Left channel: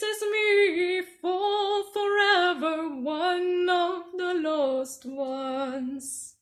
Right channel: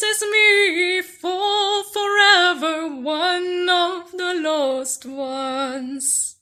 this is me for forever, one of the lost ones.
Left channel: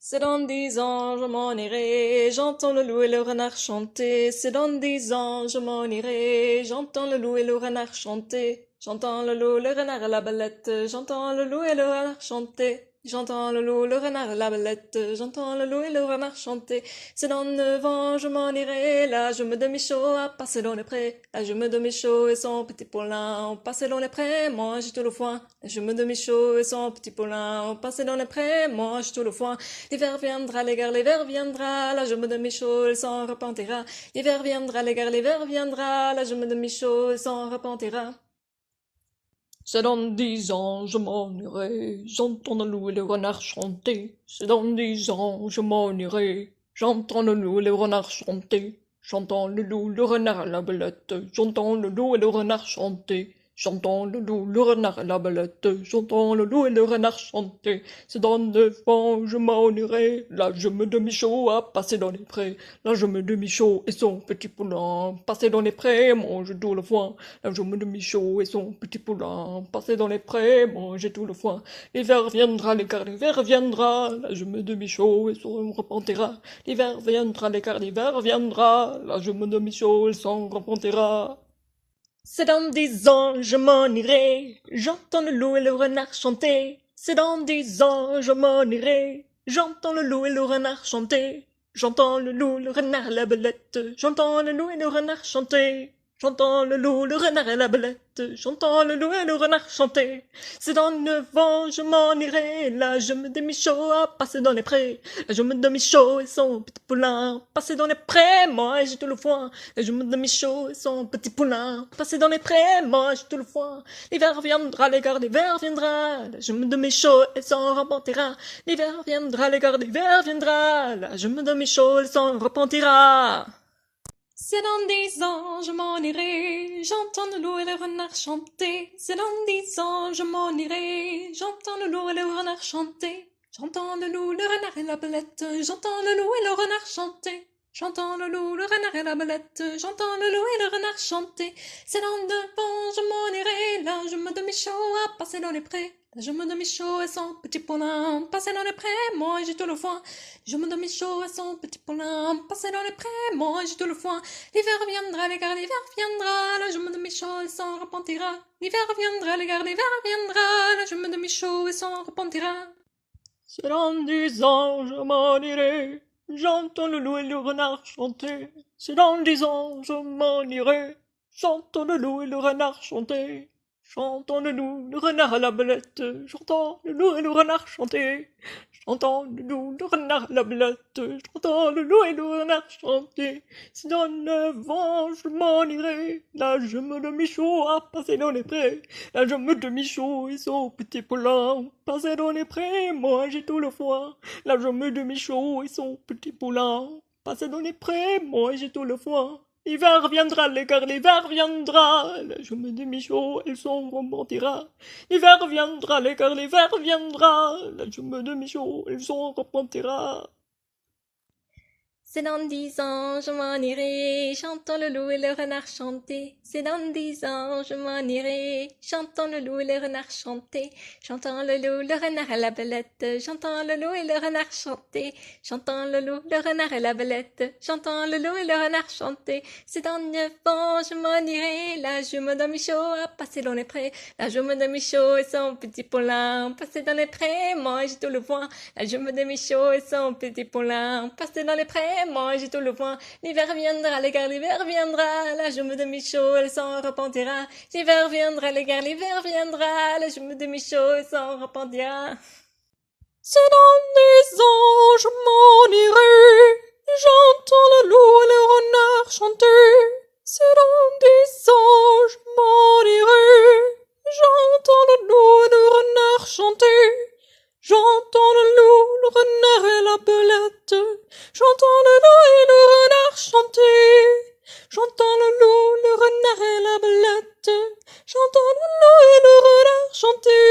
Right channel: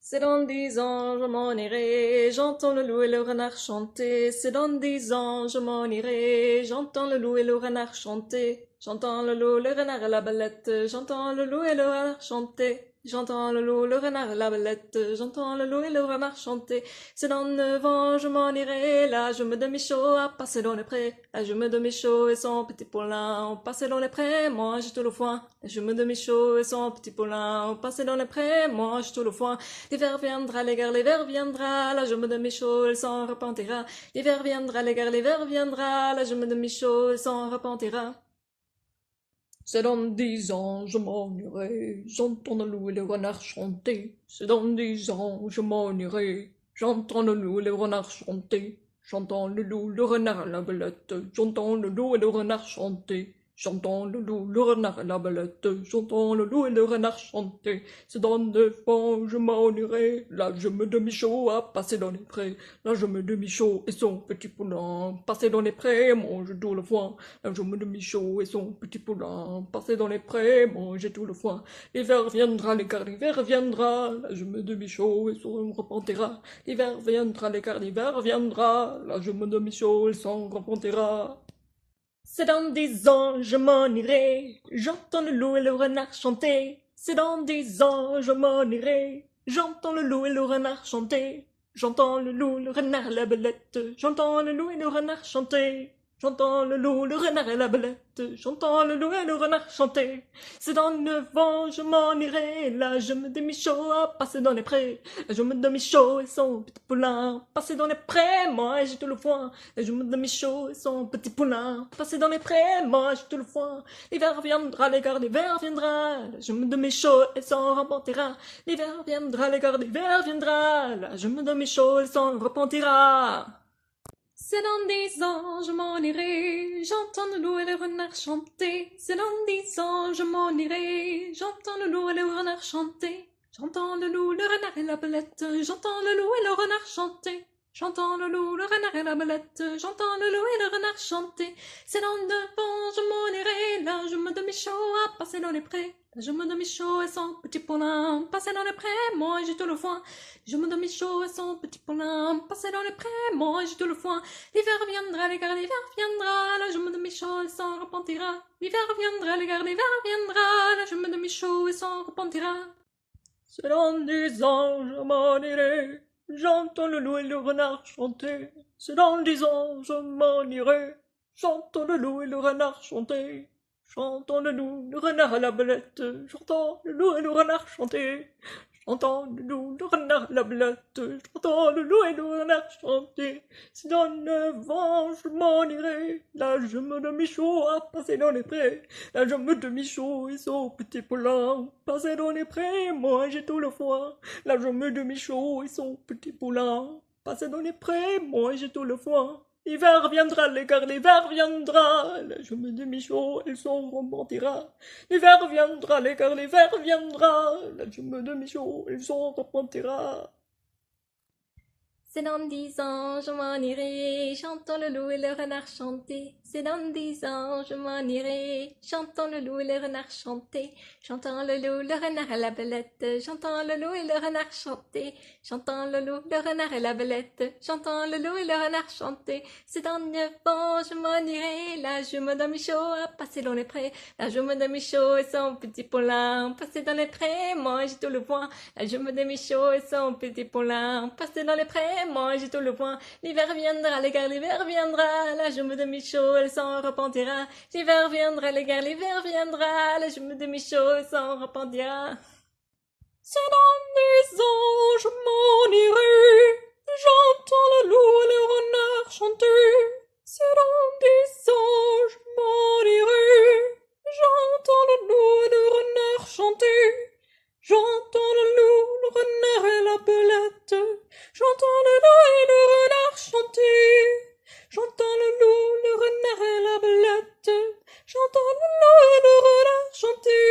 C'est dans 10 ans, je m'en irai, j'entends le loup et le renard chanter. C'est dans 10 ans, je m'en irai, j'entends le loup et le renard chanter. J'entends le loup, le renard et la belette, j'entends le loup et le renard chanter. J'entends le loup, le renard et la belette, j'entends le loup et le renard chanter. C'est dans 9 ans, je m'en irai, là je me demi-chaud à passer dans les prés. Là je me demi-chaud et son petit poulain, on passait dans les prés, mange tout le foin. Là je me demi-chaud et son petit poulain, on passait dans les prés, mange tout le foin. L'hiver viendra, les gars, l'hiver viendra, là je me demi-chaud et s'en repentira. L'hiver viendra, les gars, l'hiver viendra, là je me demi-chaud et s'en repentira. C'est dans 10 ans, je m'en irai, j'entends le loup et le renard chanter. C'est dans 10 ans, je m'en irai, j'entends le loup et le renard chanter. J'entends le loup, le renard et la belette, j'entends le loup et le renard chanter. J'entends le loup, le renard et la belette, j'entends le loup et le renard chanter. C'est dans 9 ans, je m'en irai, là je me demi-chaud à passer dans les prés. Là je me demi-chaud et son petit poulain, passer dans les prés, mange tout le foin. Là je me demi-chaud et son petit poulain, passer dans les prés, manger tout le foin. L'hiver viendra, l'écart l'hiver viendra, là je me demi-chaud et son repentira. L'hiver viendra, l'écart l'hiver viendra, là je me demi-chaud et son repentira. C'est dans 10 ans, je m'en irai, j'entends le loup et le renard chanter. C'est dans 10 ans, je m'en irai, j'entends le loup et le renard chanter. J'entends le loup, le renard et la belette, j'entends le loup et le renard chanter. J'entends le loup, le renard et la belette, j'entends le loup et le renard chanter. C'est dans 9 ans, je m'en irai, là je me demi-chaud à passer dans les prés. Là je me demi-chaud et son petit poulain, passer dans les prés, moi j'ai tout le foin. Là je me demi-chaud et son petit poulain, passer dans les prés, moi j'ai tout le foin. L'hiver viendra, l'hiver viendra, là je me demi-chaud et s'en repentira. L'hiver viendra, l'hiver viendra, là je me demi-chaud et s'en repentira. C'est dans 10 ans, je m'en irai, j'entends le loup et le renard chanter. C'est dans 10 ans, je m'en irai, j'entends le loup et le renard chanter. J'entends le loup, le renard et la belette, j'entends le loup et le renard chanter. J'entends le loup, le renard et la belette, j'entends le loup et le renard chanter. C'est dans 9 ans, je m'en irai, là je me demi-chaud à passer dans les prés. Là je me demi-chaud et son petit poulain, passer dans les prés, moi j'ai tout le foin. Je me demi-chaud et son petit poulain, passer dans les prés, moi j'ai tout le foin. L'hiver viendra, les gars, l'hiver viendra, là je me demi-chaud et s'en repentira. L'hiver viendra, les gars, l'hiver viendra, là je me demi-chaud et s'en repentira. C'est dans 10 ans, je m'en irai, j'entends le loup et le renard chanter. C'est dans 10 ans, je m'en irai, j'entends le loup et le renard chanter. J'entends le loup, le renard à la belette, j'entends le loup et le renard chanter. J'entends le loup, le renard et la belette, j'entends le loup et le renard chanter. C'est dans 9 ans, je m'en irai, là je me demi-chaud à passer dans les prés. Là je me demi-chaud et son petit poulain, passer dans les prés, moi j'ai tout le foin. Là je me demi-chaud et son petit poulain, passer dans les prés, moi j'ai tout le foin. L'hiver viendra, l'hiver viendra, là je me demi-chaud et son remontira. L'hiver viendra, l'hiver viendra, là je me demi-chaud et son remontira. C'est dans 10 ans, je m'en irai, j'entends le loup et le renard chanter. C'est dans 10 ans, je m'en irai, j'entends le loup et le renard chanter. J'entends le loup, le renard et la belette, j'entends le loup et le renard chanter. J'entends le loup, le renard et la belette, j'entends le loup et le renard chanter. C'est dans 9 ans, je m'en irai, là je me demi-chaud à passer dans les prés. Là je me demi-chaud et son petit poulain, passer dans les prés, moi j'ai tout le foin. Là je me demi-chaud et son petit poulain, passer dans les prés. Moi j'ai tout le foin. L'hiver viendra, les gars, l'hiver viendra, là je me demi-chaud, elle s'en repentira. L'hiver viendra, les gars, l'hiver viendra, là je me demi-chaud, elle s'en repentira. C'est dans 10 ans, je m'en irai, j'entends le loup et le renard chanter. C'est dans 10 ans, je m'en irai, j'entends le loup et le renard chanter. J'entends le loup, le renard et la belette, j'entends le loup et le renard chanter. J'entends le loup, le renard et la belette, j'entends le loup et le renard chanter.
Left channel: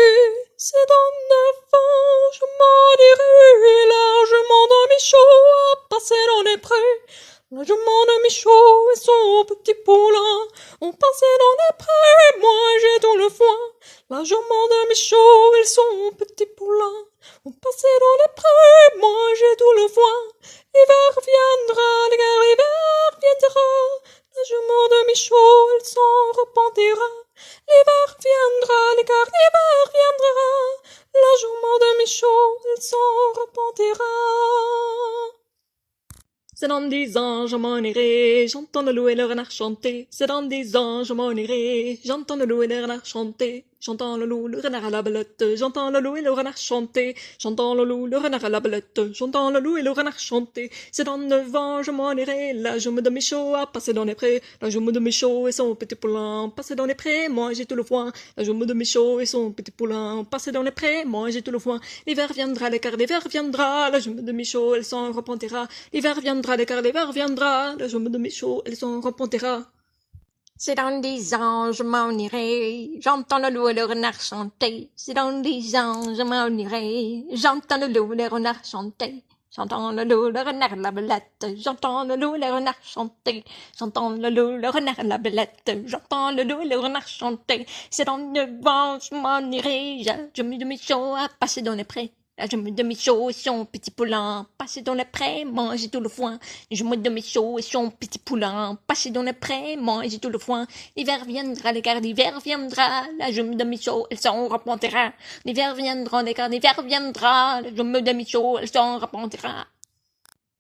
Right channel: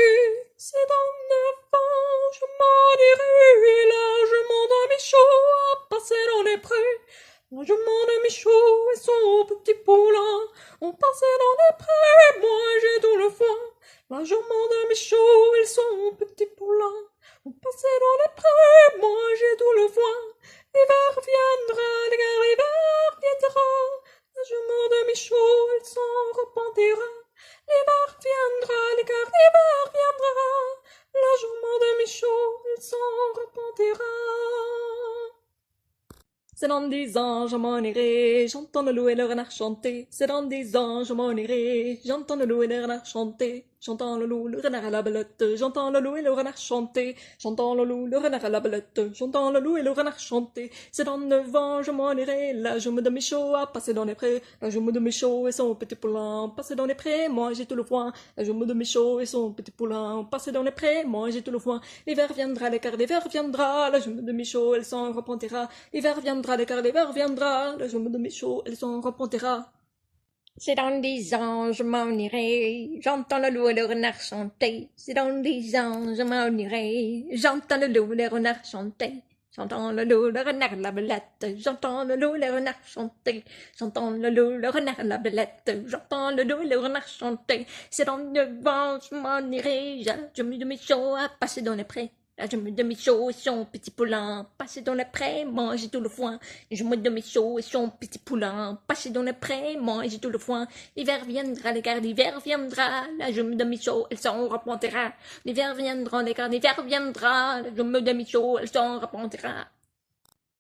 C'est dans 9 ans, je m'en irai, là je m'endormis chaud à passer dans les prés. Là je m'endormis chaud et son petit poulain, On passait dans les prairies, mangeait dans le foin. Largement de Michaud, ils sont petits poulains. On passait dans les prairies, mangeait tout le foin. L'hiver viendra, l'hiver viendra. Largement de Michaud, il s'en repentira. L'hiver viendra, l'hiver viendra. Largement de Michaud, il s'en repentira. C'est dans 10 ans, je m'en irai, j'entends le loup et le renard chanter. C'est dans 10 ans, je m'en irai, j'entends le loup et le renard chanter. J'entends le loup, le renard à la belette, j'entends le loup et le renard chanter. J'entends le loup, le renard à la belette, j'entends le loup et le renard chanter. C'est dans 9 ans, je m'en irai, la jume de Michaud a passé dans les prés. La jume de Michaud et son petit poulain, passé dans les prés, manger tout le foin. La jume de Michaud et son petit poulain, passé dans les prés, manger tout le foin. L'hiver viendra, l'écart d'hiver viendra, la jume de Michaud, elle s'en repentira. L'hiver viendra, l'écart d'hiver viendra, la jume de Michaud, elle s'en repentira. C'est dans 10 ans, je m'en irai, j'entends le loup et le renard chanter. C'est dans 10 ans, je m'en irai, j'entends le loup et le renard chanter. J'entends le loup, le renard, la belette, j'entends le loup et le renard chanter. J'entends le loup, le renard, la belette, j'entends le loup et le renard chanter. C'est dans 9 ans, je m'en irai, je me de Michaud à passer dans les prés. La jume de Michaud et son petit poulain, passer dans les prés, manger tout le foin. La jume de Michaud et son petit poulain, passer dans les prés, manger tout le foin. L'hiver viendra, l'écart d'hiver viendra, la jume de Michaud, elle s'en repentira. L'hiver viendra, l'écart d'hiver viendra, la jume de Michaud, elle s'en repentira.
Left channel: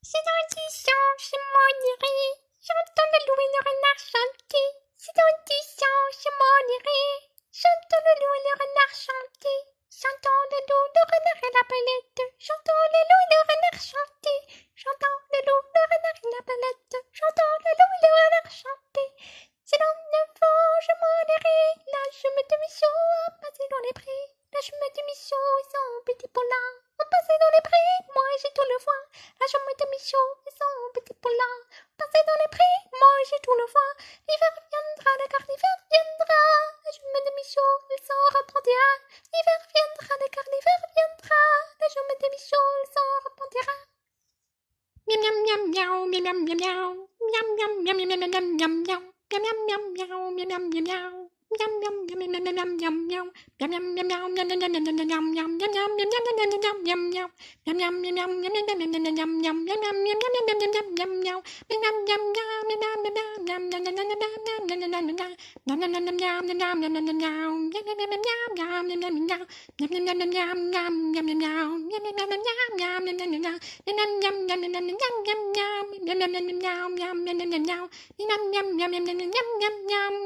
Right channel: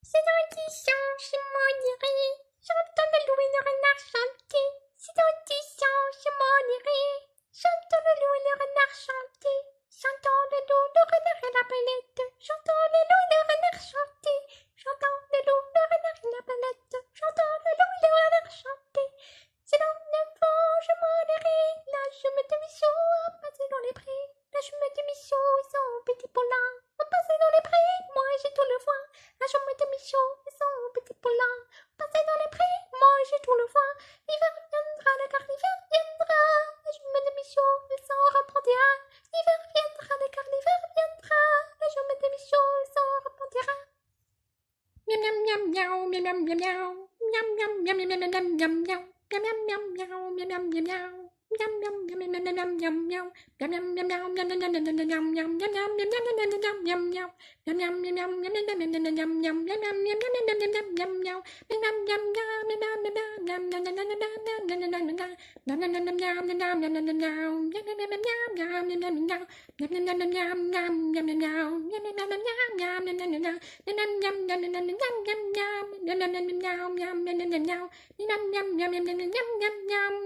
C'est dans 10 ans, je m'en irai, j'entends le loup et le renard chanter. C'est dans 10 ans, je m'en irai, j'entends le loup et le renard chanter. J'entends le loup, le renard et la belette. J'entends le loup et le renard chanter. J'entends le loup, le renard et la belette. J'entends le loup et le renard chanter. C'est dans 9 ans, je m'en irai. La jume de Michaud a passé dans les prés. La jume de Michaud et son petit poulain ont passé dans les prés. Moi j'ai tout le foin. La jume de Michaud et son petit poulain passé dans les prés. Moi j'ai tout le foin. L'hiver viendra, l'écart d'hiver viendra. La jume de Michaud, elle s'en reprendra. L'hiver viendra, l'écart d'hiver viendra. La jume de Michaud, elle s'en repentira. Miam miam miam miaou, miam miam miam miaou. Miam miam miam miam miam miam miam miaou. Miam miam miam miaou, miam miam miam miaou. Miam miam miam miam miam miam miam miaou. Miam miam miam miaou, miam miam miam miam miam miam miam. Miam miam miam miam miam miam miam miam miam. Miam miam miam miam miam miam miam miam miam miam miam. Miam miam miam miam miam miam miam miam miam. Miam miam miam miam miam miam miam miam miam miam miam miam miam. Miam miam miam miam miam miam miam miam miam. Miam miam miam miam miam miam miam miam. Miam miam miam miam miam miam miam miam. Miam miam miam miam miam miam miam miam. Miam miam miam miam miam miam miam miam. Miam miam miam miam miam miam miam miam. Miam miam miam miam miam miam miam miam.